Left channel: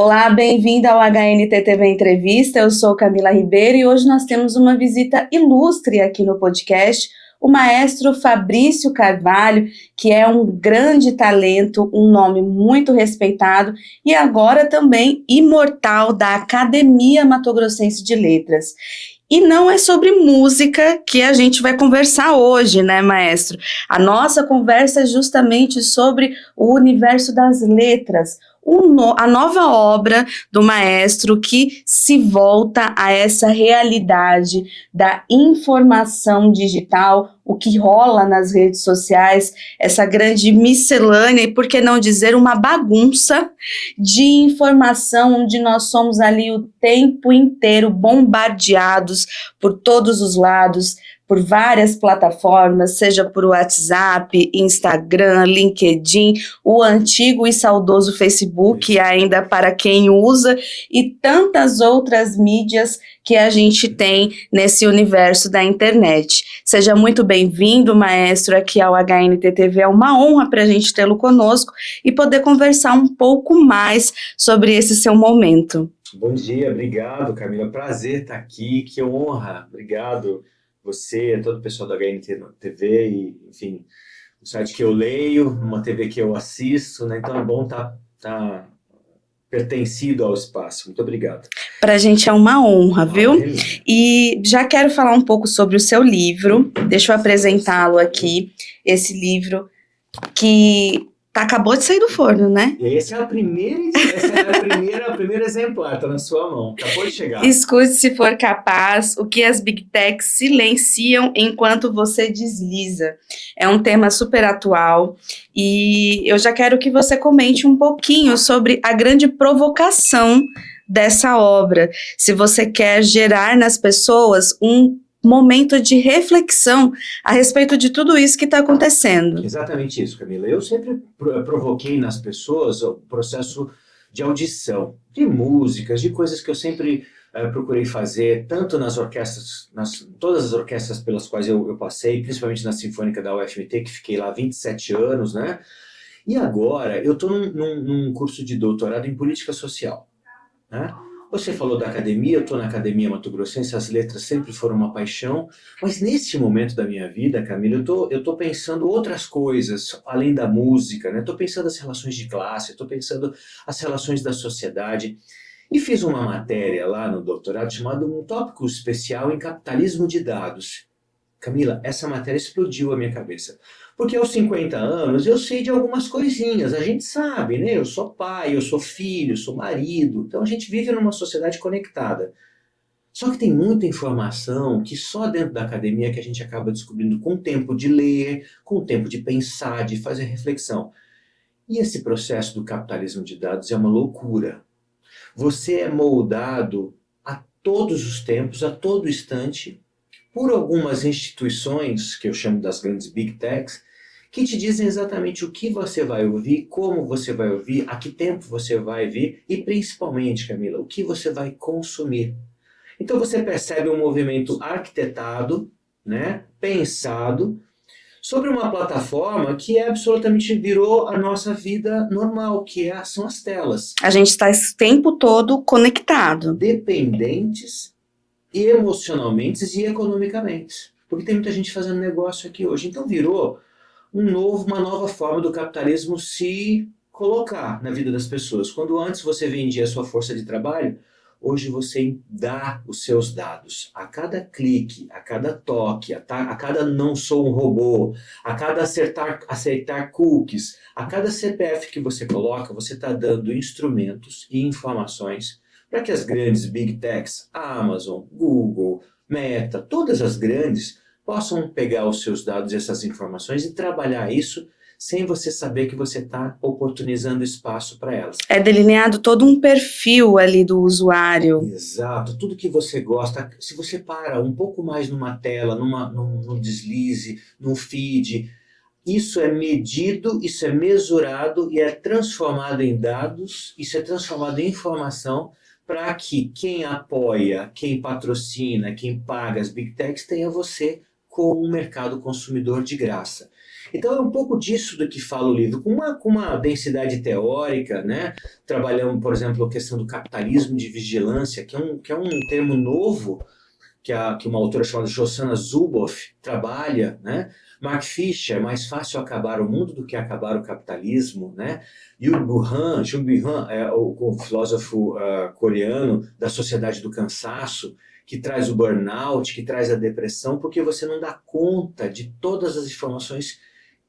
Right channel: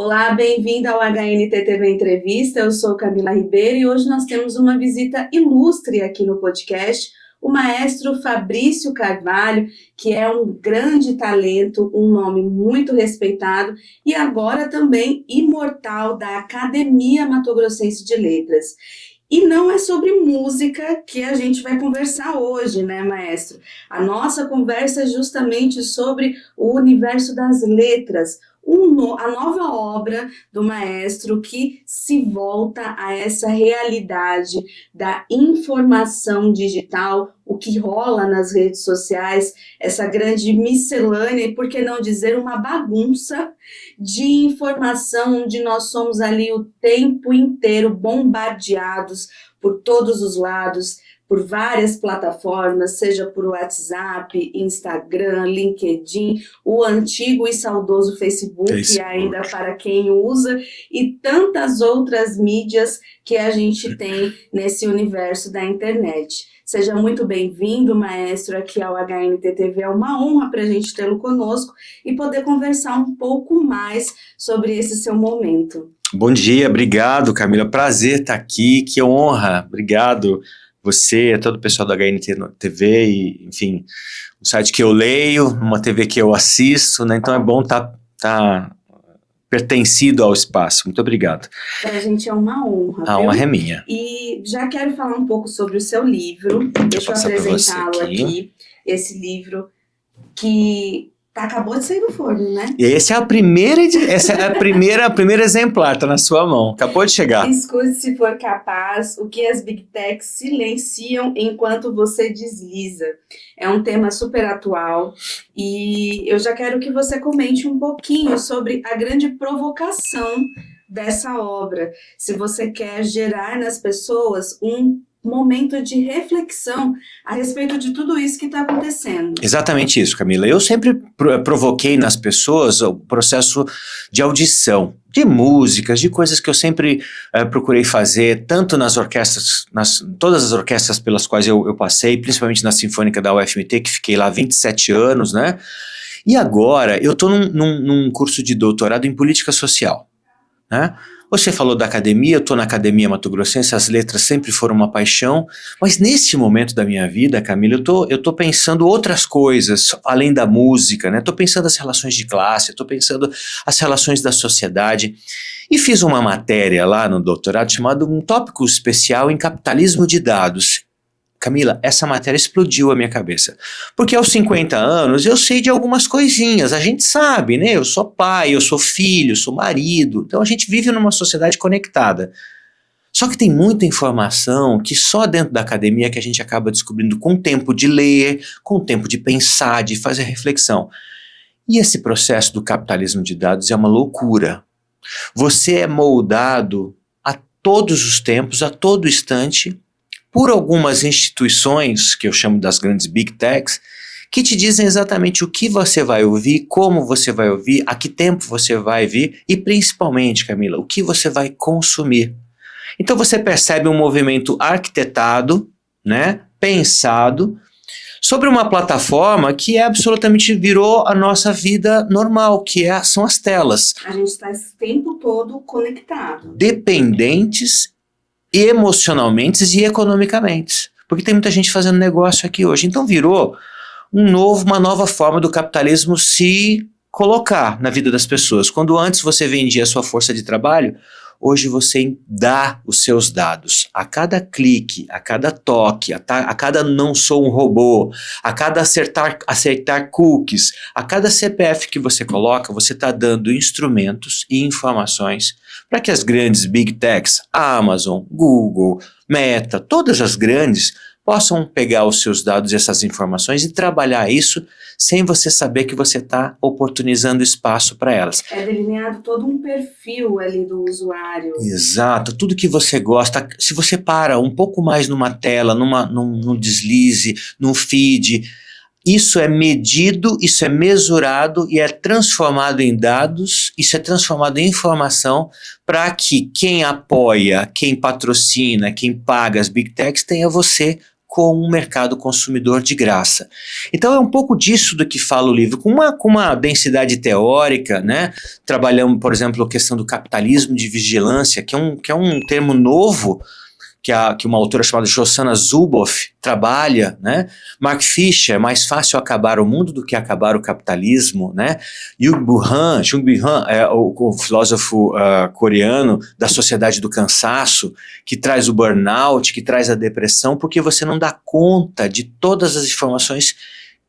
Olá, bem-vinda ao HNTTV Entrevista. Eu sou Camila Ribeiro e hoje nós temos uma visita ilustre aqui no podcast, o maestro Fabrício Carvalho, que é um grande talento, um nome muito respeitado e agora também imortal da Academia Mato Grossense de Letras. E não é sobre música que a gente vai conversar hoje, né, maestro? A nossa conversa é justamente sobre o universo das letras, a nova obra do maestro que se volta a essa realidade da informação digital, o que rola nas redes sociais, essa grande miscelânea, e por que não dizer uma bagunça de informação, onde nós somos ali o tempo inteiro bombardeados por todos os lados, por várias plataformas, seja por WhatsApp, Instagram, LinkedIn, o antigo e saudoso Facebook, ainda para quem usa, e tantas outras mídias que a gente tem nesse universo da internet. Seja muito bem-vindo, maestro, aqui ao HNTTV. É uma honra para a gente tê-lo conosco e poder conversar um pouco mais sobre esse seu momento. Bom dia, obrigado, Camila. Prazer estar aqui, que honra. Obrigado você, todo o pessoal da HNTV e, enfim, um site que eu leio, uma TV que eu assisto, né? Então é bom estar pertencido ao espaço. Muito obrigado. Para a gente é uma honra, viu? A honra é minha. E já quero falar um pouco sobre o seu livro. Deixa eu apresentá-lo aqui. Esse livro que acabou de sair do forno, né? Essa é a primeira a primeira exemplar, tá na sua mão. Acabou de chegar. Escute se for capaz, o que as Big Techs silenciam enquanto você desliza. É um tema super atual e eu já quero que você comente um pouquinho sobre a grande provocação dessa obra. Se você quer gerar nas pessoas um momento de reflexão a respeito de tudo isso que está acontecendo. Exatamente isso, Camila. Eu sempre provoquei nas pessoas o processo de audição, de músicas, de coisas que eu sempre procurei fazer, tanto nas orquestras, todas as orquestras pelas quais eu passei, principalmente na Sinfônica da UFMT, que fiquei lá 27 anos, né? E agora eu estou num curso de doutorado em política social, né? Você falou da academia, eu estou na Academia Mato Grossense, as letras sempre foram uma paixão, mas neste momento da minha vida, Camila, eu tô pensando outras coisas, além da música, né? Estou pensando as relações de classe, estou pensando as relações da sociedade, e fiz uma matéria lá no doutorado chamada um tópico especial em capitalismo de dados. Camila, essa matéria explodiu a minha cabeça, porque aos 50 anos eu sei de algumas coisinhas, a gente sabe, né? Eu sou pai, eu sou filho, eu sou marido, então a gente vive numa sociedade conectada. Só que tem muita informação que só dentro da academia que a gente acaba descobrindo com o tempo de ler, com o tempo de pensar, de fazer reflexão. E esse processo do capitalismo de dados é uma loucura. Você é moldado a todos os tempos, a todo instante, por algumas instituições, que eu chamo das grandes Big Techs, que te dizem exatamente o que você vai ouvir, como você vai ouvir, a que tempo você vai vir e principalmente, Camila, o que você vai consumir. Então você percebe um movimento arquitetado, né, pensado, sobre uma plataforma que absolutamente virou a nossa vida normal, são as telas. A gente está esse tempo todo conectado. Dependentes emocionalmente e economicamente, porque tem muita gente fazendo negócio aqui hoje, então virou uma nova forma do capitalismo se colocar na vida das pessoas. Quando antes você vendia a sua força de trabalho, hoje você dá os seus dados. A cada clique, a cada toque, a cada não sou um robô, a cada aceitar cookies, a cada CPF que você coloca, você está dando instrumentos e informações para que as grandes Big Techs, Amazon, Google, Meta, todas as grandes, possam pegar os seus dados e essas informações e trabalhar isso sem você saber que você está oportunizando espaço para elas. É delineado todo um perfil ali do usuário. Exato, tudo que você gosta. Se você para um pouco mais numa tela, num deslize, num feed, isso é medido, isso é mesurado e é transformado em dados, isso é transformado em informação para que quem apoia, quem patrocina, quem paga as Big Techs tenha você como um mercado consumidor de graça. Então é um pouco disso do que fala o livro, com uma densidade teórica, né? Trabalhamos, por exemplo, a questão do capitalismo de vigilância, que é um termo novo, que uma autora chamada Shoshana Zuboff trabalha, né? Mark Fisher, é mais fácil acabar o mundo do que acabar o capitalismo, né? Jung Byung-Han é o filósofo coreano da sociedade do cansaço, que traz o burnout, que traz a depressão, porque você não dá conta de todas as informações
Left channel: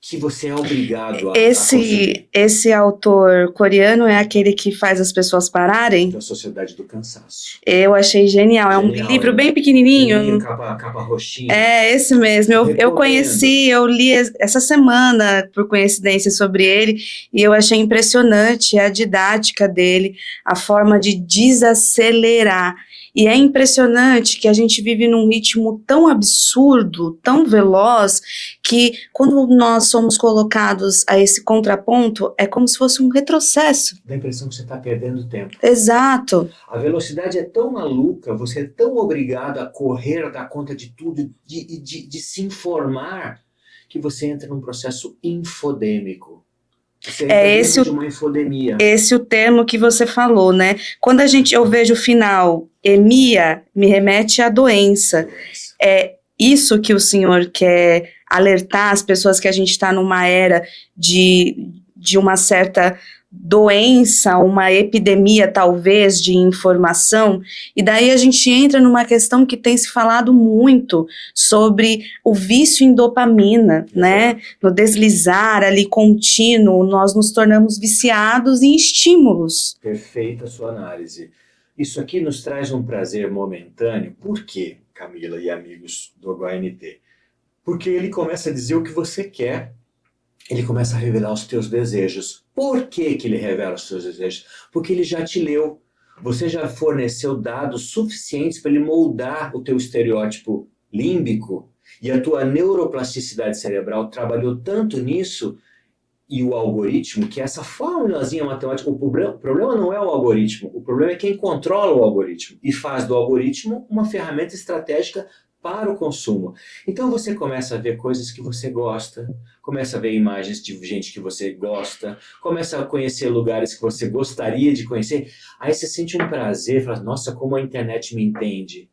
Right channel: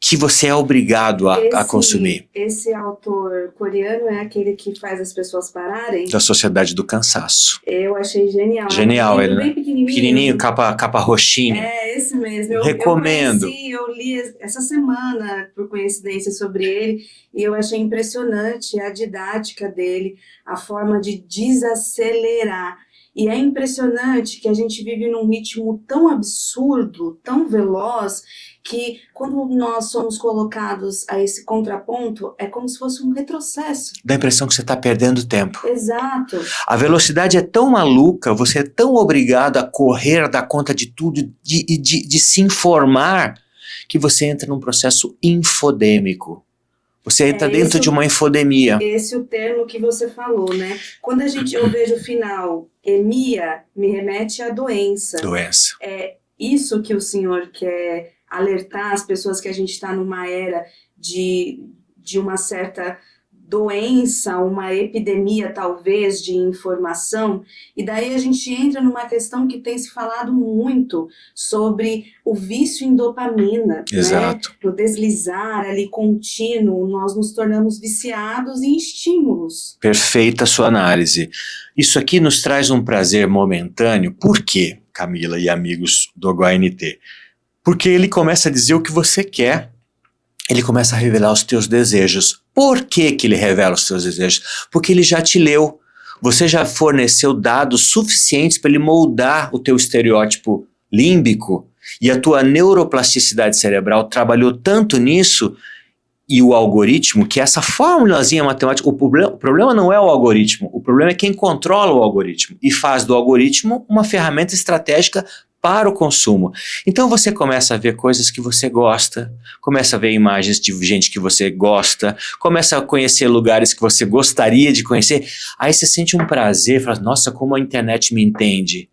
que você é obrigado a consumir. Esse autor coreano é aquele que faz as pessoas pararem? Da sociedade do cansaço. Eu achei genial. Genial, É um livro bem pequenininho. Pequenininho, capa roxinha. É, esse mesmo. Eu li essa semana, por coincidência, sobre ele, e eu achei impressionante a didática dele, a forma de desacelerar. E é impressionante que a gente vive num ritmo tão absurdo, tão veloz, que quando nós somos colocados a esse contraponto, é como se fosse um retrocesso. Dá a impressão que você está perdendo tempo. Exato. A velocidade é tão maluca, você é tão obrigado a correr, dar conta de tudo, de se informar, que você entra num processo infodêmico. Você entra dentro de uma infodemia. Esse é o termo que você falou, né? Quando eu vejo o final, emia, me remete à doença. Doença. É isso que o senhor quer alertar as pessoas, que a gente está numa era de uma certa doença, uma epidemia talvez de informação, e daí a gente entra numa questão que tem se falado muito sobre o vício em dopamina, né? No deslizar ali contínuo, nós nos tornamos viciados em estímulos. Perfeita a sua análise. Isso aqui nos traz um prazer momentâneo. Por quê, Camila e amigos do HNT? Porque ele começa a dizer o que você quer. Ele começa a revelar os teus desejos. Por que ele revela os teus desejos? Porque ele já te leu. Você já forneceu dados suficientes para ele moldar o teu estereótipo límbico, e a tua neuroplasticidade cerebral trabalhou tanto nisso, e o algoritmo, que é essa formulazinha matemática, o problema não é o algoritmo, o problema é quem controla o algoritmo e faz do algoritmo uma ferramenta estratégica para o consumo. Então você começa a ver coisas que você gosta, começa a ver imagens de gente que você gosta, começa a conhecer lugares que você gostaria de conhecer, aí você sente um prazer, fala, nossa, como a internet me entende.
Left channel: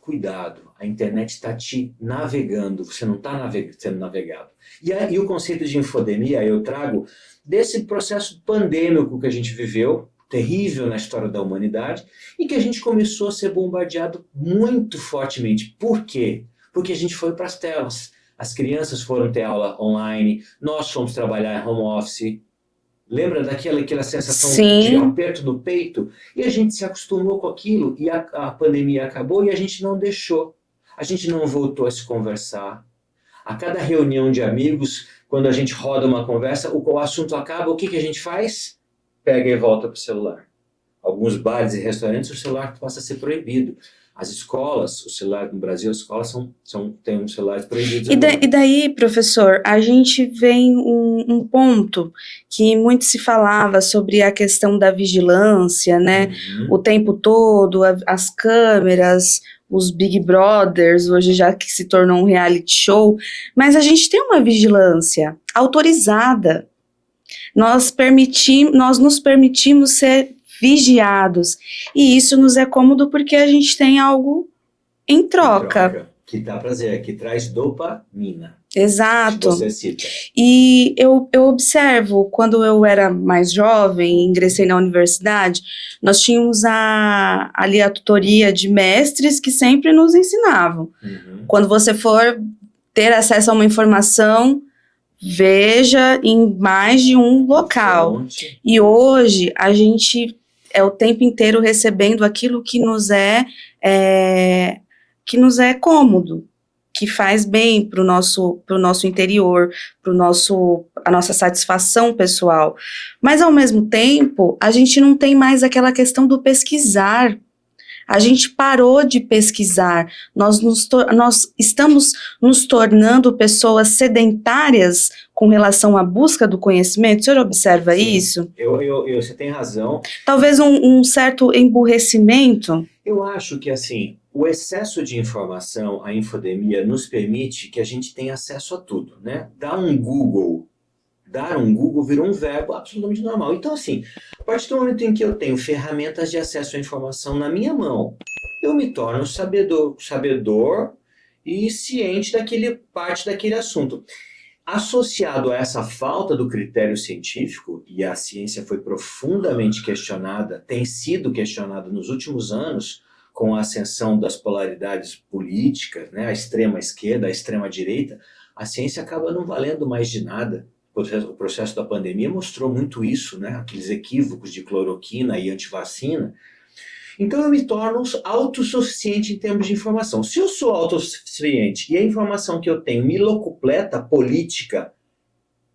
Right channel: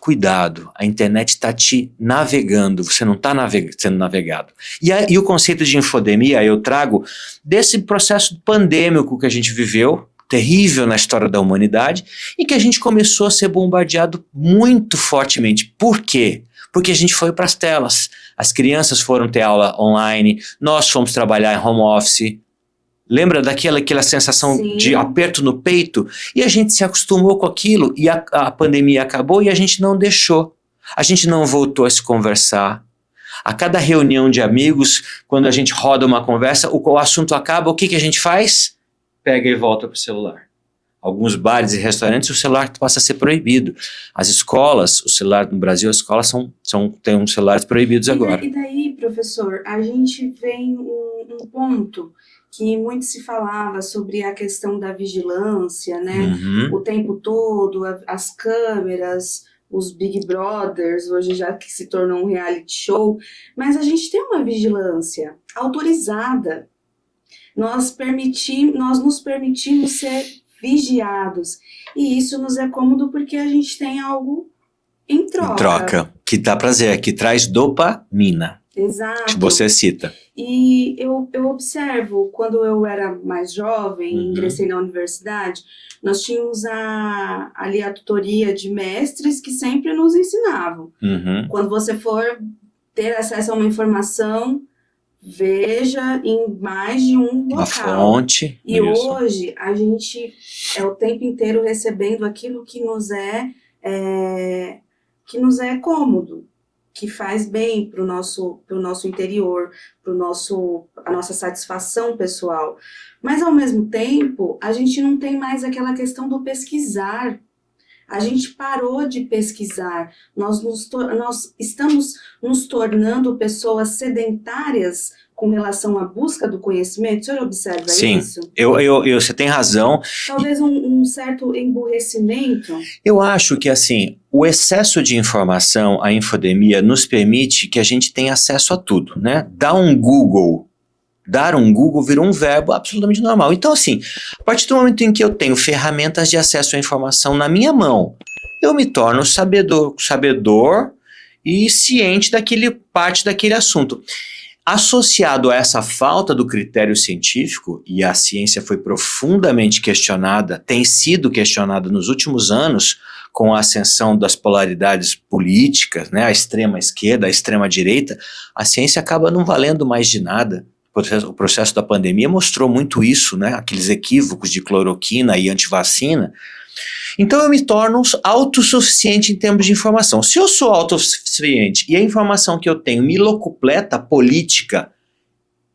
Cuidado, a internet está te navegando, você não está sendo navegado. E o conceito de infodemia eu trago desse processo pandêmico que a gente viveu, terrível na história da humanidade, e que a gente começou a ser bombardeado muito fortemente. Por quê? Porque a gente foi para as telas. As crianças foram ter aula online, nós fomos trabalhar em home office. Lembra daquela sensação Sim. de aperto no peito? E a gente se acostumou com aquilo, e a pandemia acabou e a gente não deixou. A gente não voltou a se conversar. A cada reunião de amigos, quando a gente roda uma conversa, o assunto acaba, o que a gente faz? Pega e volta para o celular. Alguns bares e restaurantes, o celular passa a ser proibido. As escolas, o celular no Brasil, as escolas têm uns celulares proibidos agora. E daí, professor, a gente vem um ponto que muito se falava sobre a questão da vigilância, né? Uhum. O tempo todo, as câmeras, os Big Brothers, hoje já que se tornou um reality show, mas a gente tem uma vigilância autorizada. Nós nos permitimos ser vigiados, e isso nos é cômodo porque a gente tem algo em troca. Que dá prazer, que traz dopamina. Exato. Que você cita. E eu observo, quando eu era mais jovem, ingressei na universidade, nós tínhamos ali a tutoria de mestres que sempre nos ensinavam. Uhum. Quando você for ter acesso a uma informação, veja em mais de um local. Uma fonte. E isso. Hoje a gente é o tempo inteiro recebendo aquilo que nos é cômodo, que faz bem para o nosso interior, para a nossa satisfação pessoal. Mas, ao mesmo tempo, a gente não tem mais aquela questão do pesquisar. A gente parou de pesquisar, nós estamos nos tornando pessoas sedentárias com relação à busca do conhecimento. O senhor observa Sim, isso? você tem razão. Talvez um certo emburrecimento. Eu acho que, assim, o excesso de informação, a infodemia, nos permite que a gente tenha acesso a tudo, né? Dar um Google virou um verbo absolutamente normal. Então, assim, a partir do momento em que eu tenho ferramentas de acesso à informação na minha mão, eu me torno sabedor e ciente parte daquele assunto. Associado a essa falta do critério científico, e a ciência foi profundamente questionada, tem sido questionada nos últimos anos, com a ascensão das polaridades políticas, né, a extrema esquerda, a extrema direita, a ciência acaba não valendo mais de nada. O processo da pandemia mostrou muito isso, né, aqueles equívocos de cloroquina e antivacina. Então eu me torno autossuficiente em termos de informação. Se eu sou autossuficiente e a informação que eu tenho me locupleta política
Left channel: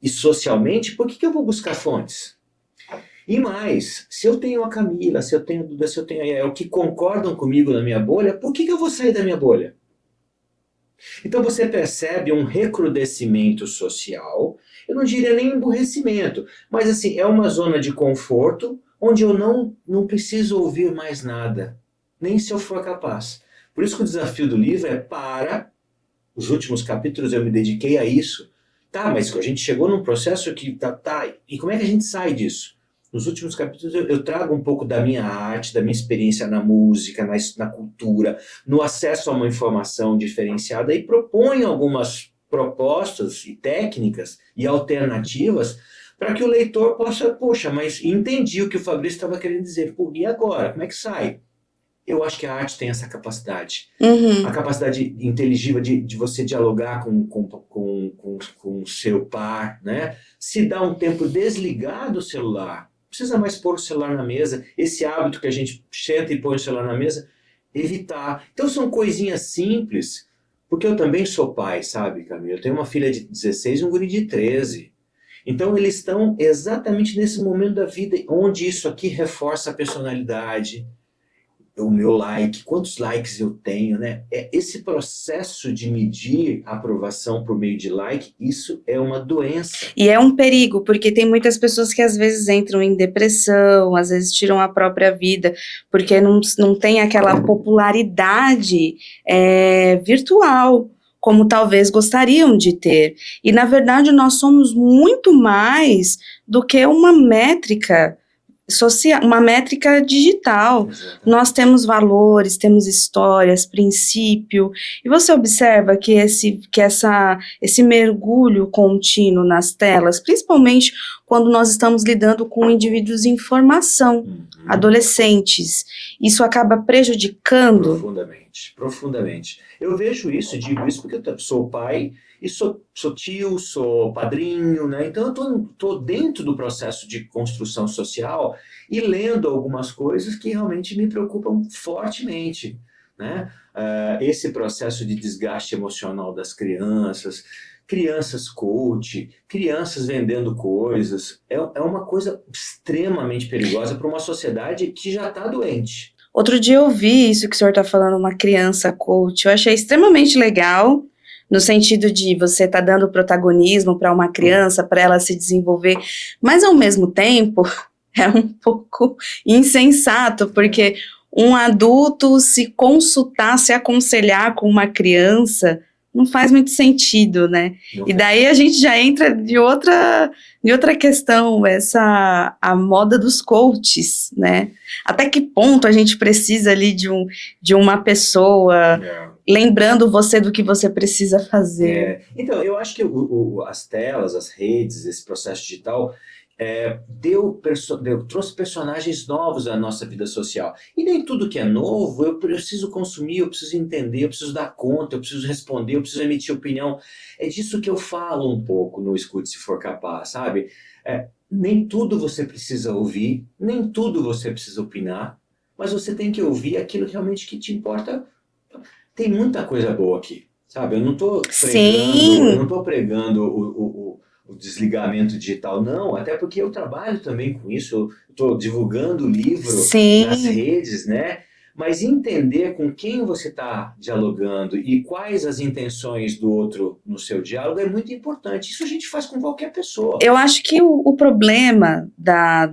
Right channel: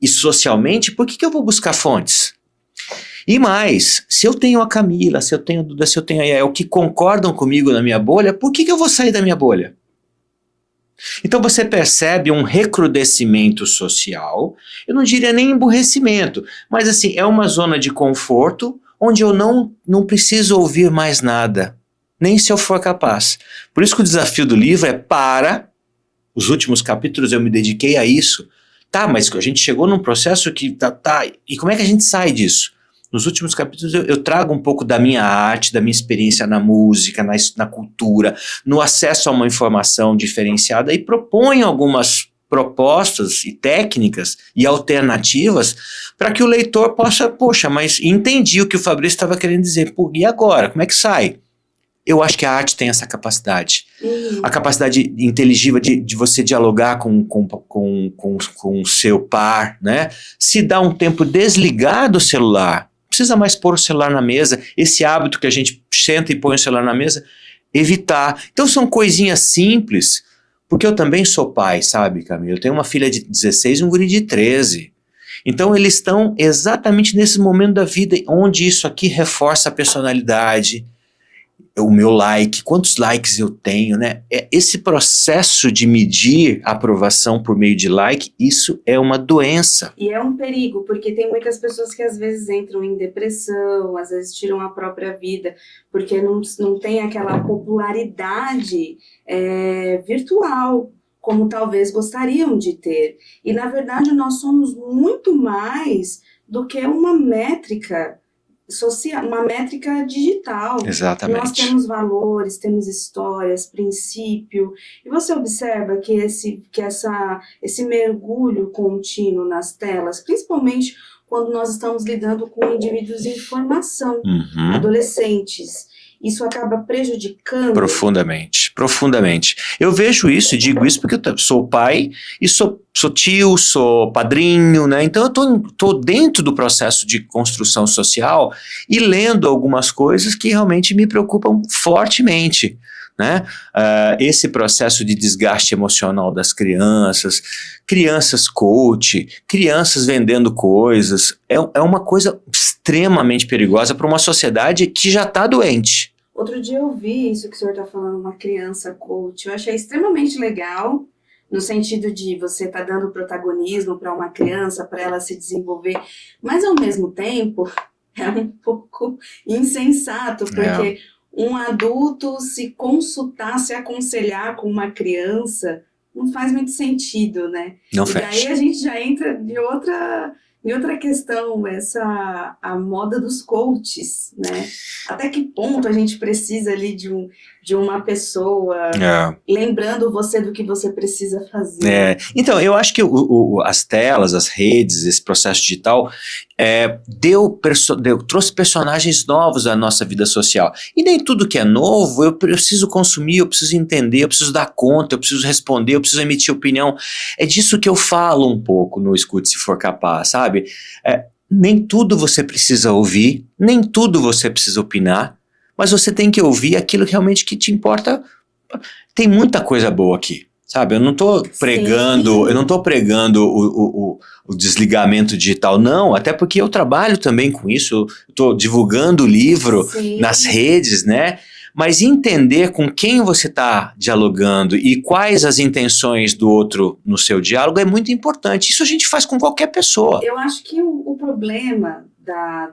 e socialmente, por que eu vou buscar fontes? E mais, se eu tenho a Camila, se eu tenho a Duda, se eu tenho a Yael que concordam comigo na minha bolha, por que eu vou sair da minha bolha? Então você percebe um recrudescimento social, eu não diria nem emburrecimento, mas assim, é uma zona de conforto onde eu não preciso ouvir mais nada, nem se eu for capaz. Por isso que o desafio do livro os últimos capítulos eu me dediquei a isso. Tá, mas a gente chegou num processo que e como é que a gente sai disso? Nos últimos capítulos eu trago um pouco da minha arte, da minha experiência na música, na cultura, no acesso a uma informação diferenciada e proponho algumas propostas e técnicas e alternativas para que o leitor possa, mas entendi o que o Fabrício estava querendo dizer. E agora? Como é que sai? Eu acho que a arte tem essa capacidade. Uhum. A capacidade inteligível de você dialogar com o seu par, né? Se dá um tempo desligar do celular, não precisa mais pôr o celular na mesa, esse hábito que a gente senta e põe o celular na mesa, evitar. Então são coisinhas simples, porque eu também sou pai, sabe, Camila? Eu tenho uma filha de 16 e um guri de 13. Então eles estão exatamente nesse momento da vida onde isso aqui reforça a personalidade, o meu like, quantos likes eu tenho, né? Esse processo de medir a aprovação por meio de like, isso é uma doença. E é um perigo, porque tem muitas pessoas que às vezes entram em depressão, às vezes tiram a própria vida, porque não tem aquela popularidade virtual, como talvez gostariam de ter. E, na verdade, nós somos muito mais do que uma métrica social, uma métrica digital. Exatamente. Nós temos valores, temos histórias, princípio, e você observa que esse mergulho contínuo nas telas, principalmente quando nós estamos lidando com indivíduos em formação, adolescentes, isso acaba prejudicando? Profundamente. Eu vejo isso e digo isso porque eu sou pai e sou tio, sou padrinho, né? Então eu tô dentro do processo de construção social e lendo algumas coisas que realmente me preocupam fortemente, né? Esse processo de desgaste emocional das crianças coach, crianças vendendo coisas, é uma coisa extremamente perigosa para uma sociedade que já está doente. Outro dia eu vi isso que o senhor está falando, uma criança coach, eu achei extremamente legal, no sentido de você estar dando protagonismo para uma criança, para ela se desenvolver, mas ao mesmo tempo é um pouco insensato, porque um adulto se consultar, se aconselhar com uma criança, não faz muito sentido, né? Não e daí faz. A gente já entra de outra questão, a moda dos coaches, né? Até que ponto a gente precisa ali de uma pessoa lembrando você do que você precisa fazer? Então, eu acho que as telas, as redes, esse processo digital trouxe personagens novos à nossa vida social. E nem tudo que é novo eu preciso consumir, eu preciso entender, eu preciso dar conta, eu preciso responder, eu preciso emitir opinião. É disso que eu falo um pouco no Escute Se For Capaz, sabe? Nem tudo você precisa ouvir, nem tudo você precisa opinar, mas você tem que ouvir aquilo que realmente que te importa. Tem muita coisa boa aqui, sabe? Eu não estou pregando o desligamento digital, não, até porque eu trabalho também com isso, eu estou divulgando o livro nas redes, né? Mas entender com quem você está dialogando e quais as intenções do outro no seu diálogo é muito importante. Isso a gente faz com qualquer pessoa. Eu acho que o problema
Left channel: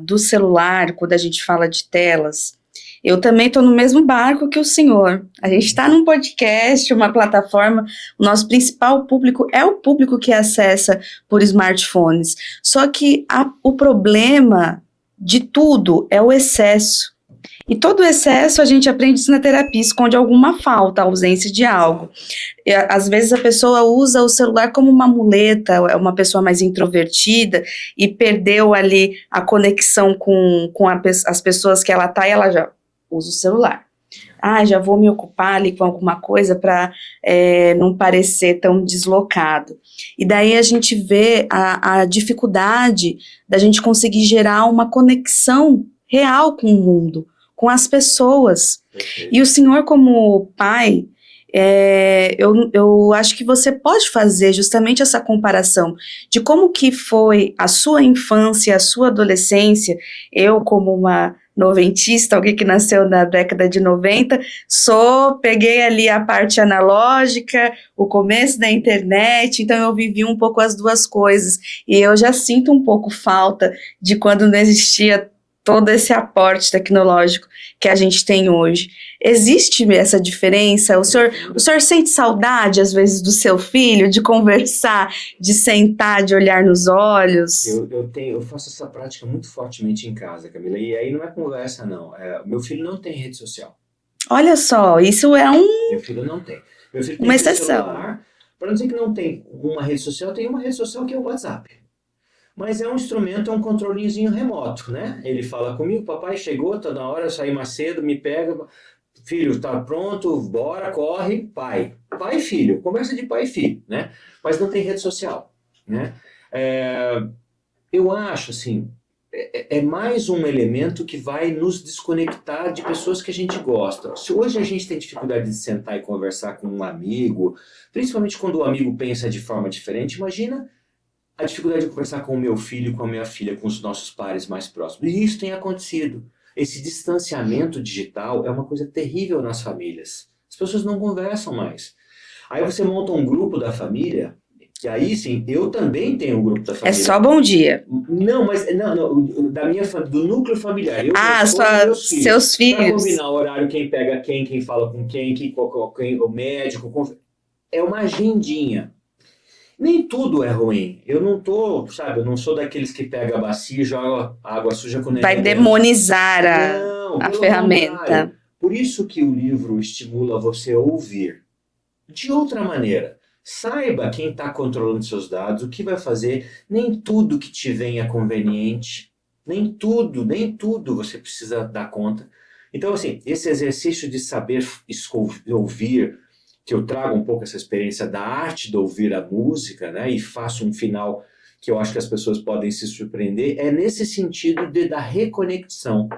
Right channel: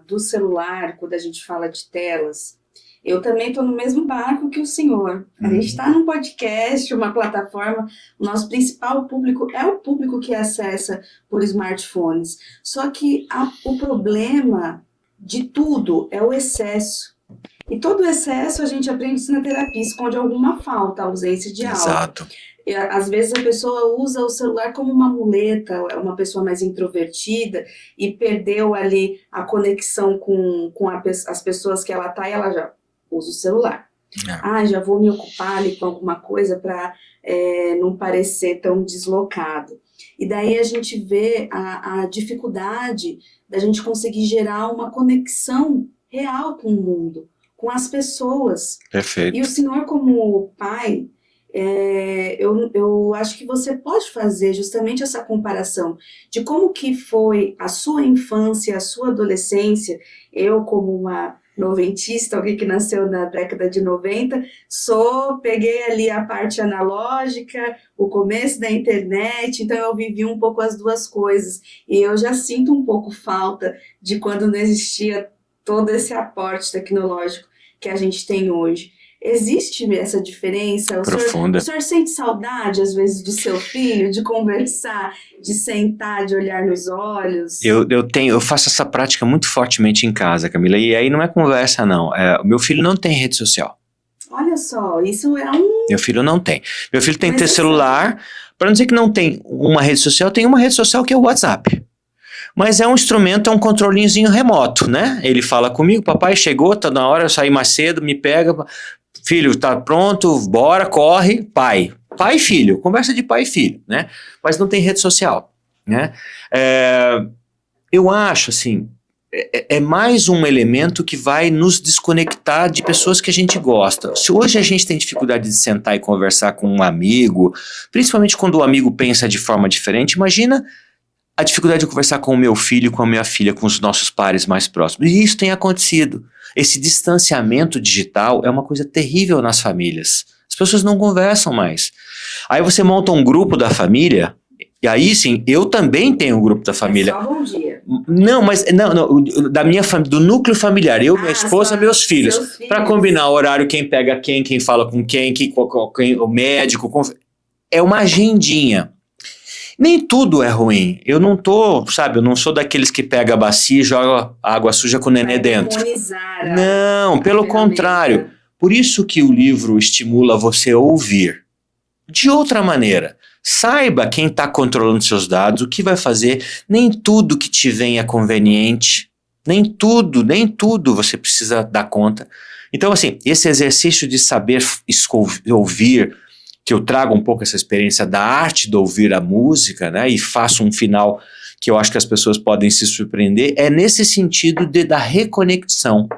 do celular, quando a gente fala de telas, eu também estou no mesmo barco que o senhor. A gente está num podcast, uma plataforma, o nosso principal público é o público que acessa por smartphones. Só que o problema de tudo é o excesso. E todo excesso a gente aprende isso na terapia, esconde alguma falta, ausência de algo. Exato. E, às vezes a pessoa usa o celular como uma muleta, é uma pessoa mais introvertida e perdeu ali a conexão com as pessoas que ela está e ela já usa o celular. Já vou me ocupar ali com alguma coisa para não parecer tão deslocado. E daí a gente vê a dificuldade da gente conseguir gerar uma conexão real com o mundo, com as pessoas. Perfeito. E o senhor, como pai, eu acho que você pode fazer justamente essa comparação de como que foi a sua infância, a sua adolescência. Eu, como uma noventista, alguém que nasceu na década de 90, peguei ali a parte analógica, o começo da internet, então eu vivi um pouco as duas coisas. E eu já sinto um pouco falta de quando não existia todo esse aporte tecnológico que a gente tem hoje. Existe essa diferença? O senhor sente saudade, às vezes, do seu filho, de conversar, de sentar, de olhar nos olhos? Eu faço essa prática muito fortemente em casa, Camila, e aí não é conversa, não. O meu filho não tem rede social. Olha só, isso Meu filho não tem. Meu filho tem que ter celular, para não dizer que não tem uma rede social, tem uma rede social que é o WhatsApp. Mas é um instrumento, é um controlinhozinho remoto, né? Ele fala comigo, papai chegou, tá na hora, eu saí mais cedo, me pega, filho, tá pronto, bora, corre, pai. Pai e filho, conversa de pai e filho, né? Mas não tem rede social, né? Eu acho, assim, é mais um elemento que vai nos desconectar de pessoas que a gente gosta. Se hoje a gente tem dificuldade de sentar e conversar com um amigo, principalmente quando o amigo pensa de forma diferente, imagina a dificuldade de conversar com o meu filho, com a minha filha, com os nossos pares mais próximos. E isso tem acontecido. Esse distanciamento digital é uma coisa terrível nas famílias. As pessoas não conversam mais. Aí você monta um grupo da família, e aí sim, eu também tenho um grupo da família. É só bom dia. Não, da minha família, do núcleo familiar. Eu, minha esposa, meus filhos. Seus filhos. Para combinar o horário, quem pega quem fala com quem, o médico. É uma agendinha. Nem tudo é ruim. Eu não eu não sou daqueles que pega a bacia e joga água suja com o neném dentro. Vai demonizar Não, pelo ferramenta. contrário. Por isso que o livro estimula você a ouvir. De outra maneira, saiba quem está controlando seus dados, o que vai fazer. Nem tudo que te vem é conveniente. Nem tudo você precisa dar conta. Então, assim, esse exercício de saber ouvir, que eu trago um pouco essa experiência da arte de ouvir a música, né, e faço um final que eu acho que as pessoas podem se surpreender, é nesse sentido da reconexão.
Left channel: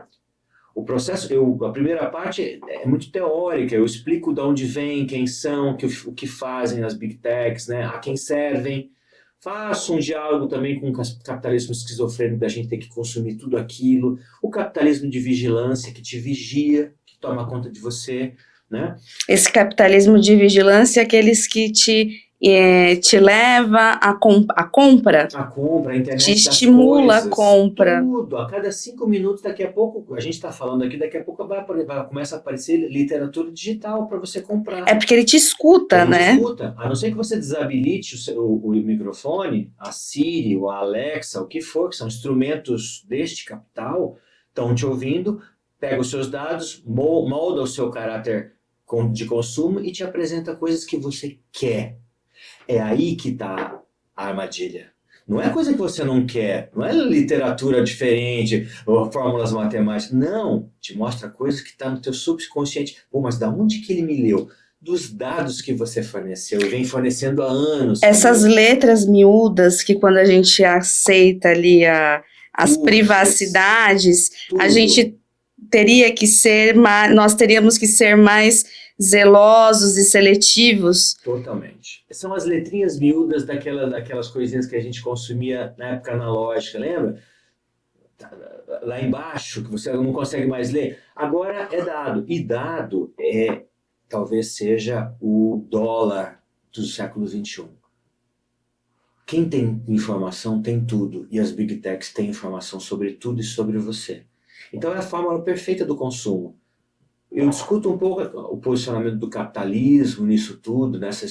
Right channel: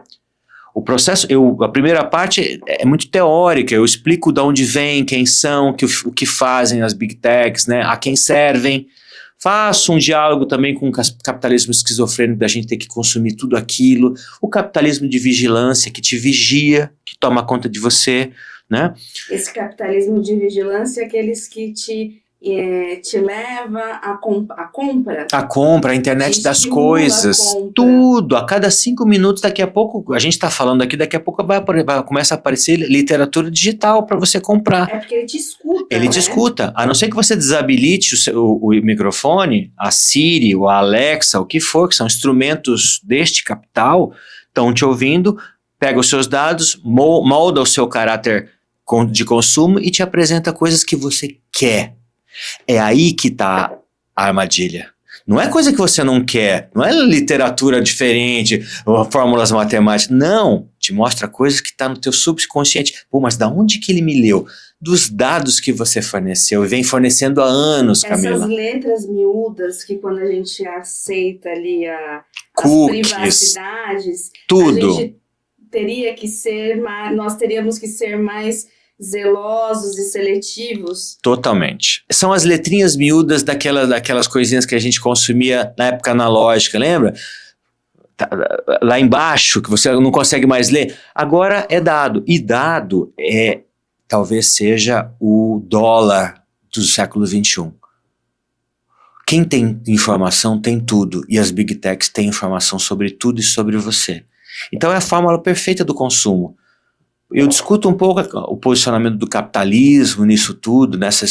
O processo, a primeira parte é muito teórica, eu explico de onde vem, quem são, o que fazem as big techs, né, a quem servem. Faço um diálogo também com o capitalismo esquizofrênico, da gente ter que consumir tudo aquilo, o capitalismo de vigilância que te vigia, que toma conta de você, né? Esse capitalismo de vigilância é aqueles que te leva à compra. A compra, a internet das coisas, tudo. A cada 5 minutos, daqui a pouco, a gente está falando aqui, daqui a pouco começa a aparecer literatura digital para você comprar. É porque ele te escuta, Ele te escuta. A não ser que você desabilite o microfone, a Siri, o Alexa, o que for, que são instrumentos deste capital, estão te ouvindo, pega os seus dados, molda o seu caráter de consumo e te apresenta coisas que você quer. É aí que está a armadilha. Não é coisa que você não quer, não é literatura diferente, ou fórmulas matemáticas. Não, te mostra coisas que estão no teu subconsciente. Pô, mas da onde que ele me leu? Dos dados que você forneceu e vem fornecendo há anos. Essas Camila. Letras miúdas que quando a gente aceita ali as privacidades, tudo. A gente nós teríamos que ser mais zelosos e seletivos. Totalmente. São as letrinhas miúdas daquelas coisinhas que a gente consumia na época analógica, lembra? lá embaixo, que você não consegue mais ler, agora é dado. E dado talvez seja o dólar do século XXI. Quem tem informação tem tudo, e as Big Techs têm informação sobre tudo e sobre você. Então é a fórmula perfeita do consumo. Eu discuto um pouco o posicionamento do capitalismo nisso tudo, nesse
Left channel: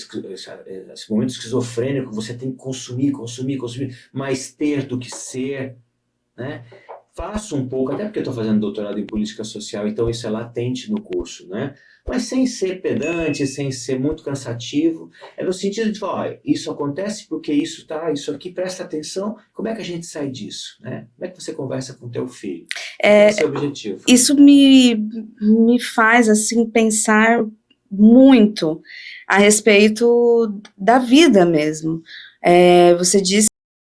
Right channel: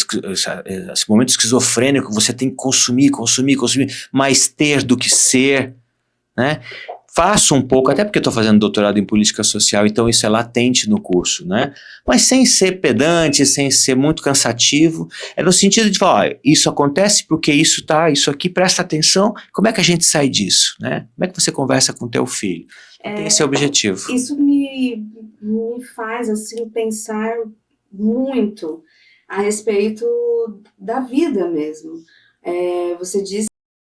momento esquizofrênico, você tem que consumir, mais ter do que ser, né? Faço um pouco, até porque estou fazendo doutorado em política social, então isso é latente no curso, né? Mas sem ser pedante, sem ser muito cansativo, é no sentido de falar, ó, isso acontece porque isso aqui, presta atenção, como é que a gente sai disso, né? Como é que você conversa com o teu filho? Esse é o objetivo. Isso me faz, assim, pensar muito a respeito da vida mesmo. Você disse